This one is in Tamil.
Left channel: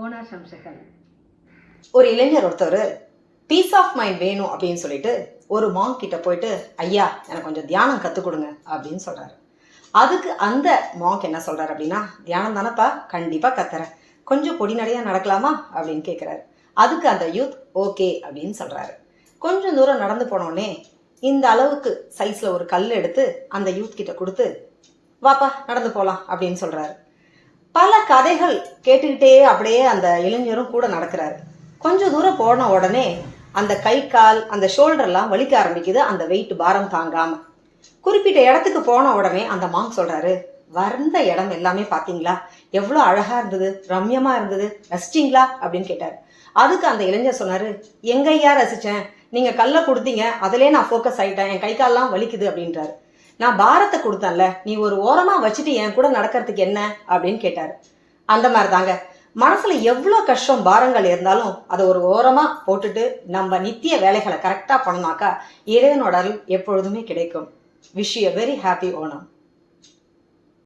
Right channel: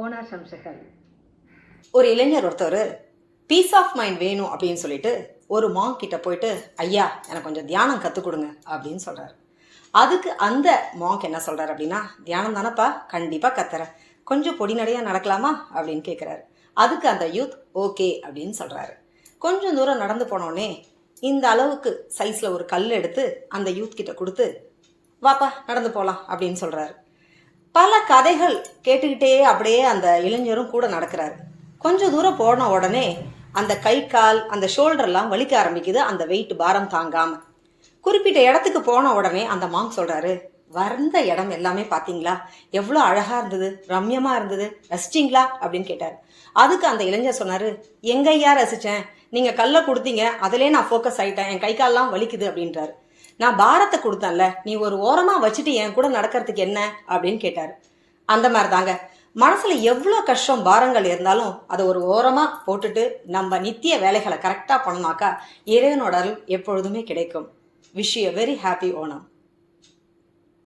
ஓணாசம்சைகள். ஒரு இளைஞர் ஒருத்தர் பீஸ் ஆஃப் மைண்ட் வேணும் அப்படின்னு சொல்லிட்டு ஒரு மாங்க் கிட்ட போயிட்டு, ஐயா எனக்கு கொஞ்சம் தியானம் கற்றுக் கொடுங்க அப்படின்னு சொல்கிறாரு. அதுக்கு அந்த மாங்க் என்ன சொல்கிறார் அப்படின்னா, தியானம் தானப்பா, கண்டிப்பாக கத்துறேன், கொஞ்சம் பொடிநடையாக நடக்கலாமா அப்படின்னு கேட்குறாரு. அதுக்கு அந்த யூத் ஓகே அப்படின்னு சொல்கிறாரு. கொஞ்சம் தூரம் நடந்து போனோடனே இந்த அளவுக்கு சைஸில் ஒரு கல் எடுத்து அந்த யூத் கிட்ட கொடுத்து, வாப்பா நடந்து போகலாம் அப்படின்னு சொல்கிறாரு. பல கதைகள் கேட்டுக்கிட்டே அப்படியே அந்த இளைஞரும் கூட நடக்கிறாரு. கொஞ்சம் தூரம் போன உடனே அந்த கை கால் அந்த ஷோல்டர்லாம் வலிக்க ஆரம்பிக்குது, அந்த வெயிட் பாரம் தாங்காம. குறிப்பிட்ட இடத்துக்கு போன உடனே அந்த மாங்க் சொல்றாரு, வந்த இடம் எல்லாமே பார்த்தீங்களா, எவ்வளோ அழகா இருந்தது, ரம்யமா இருந்தது, ரசிச்சிங்களா அப்படின்னு கேட்டார். அதுக்கு அந்த இளைஞர் சொன்னாரு, எங்கய்யா ரசிச்சேன், நீங்க கல்லை கொடுத்தீங்க, அதிலே நான் ஃபோக்கஸ் ஆயிட்டேன், என் கை கால்லாம் வலிக்குது அப்படின்றாரு. நான் பாரத்தை கொடுத்தேன்ல, நீ ஒரு ஓரமா வச்சுட்டு என் கூட நடக்கிறதுக்கு என்ன அப்படின்னு கேட்டாரு. அந்த மாதிரி தாங்க, மனசுல எவ்வளோ கஷ்டம் பாரங்கள் இருந்தாலும் அதை ஒரு ஓரமா போட்டுட்டு நம்ம நித்திய வேலைகளை கரெக்டாக பண்ணோம்னாக்கா இறைவனோட அருள் எப்பொழுதுமே கிடைக்கும். Wish you a very happy Onam.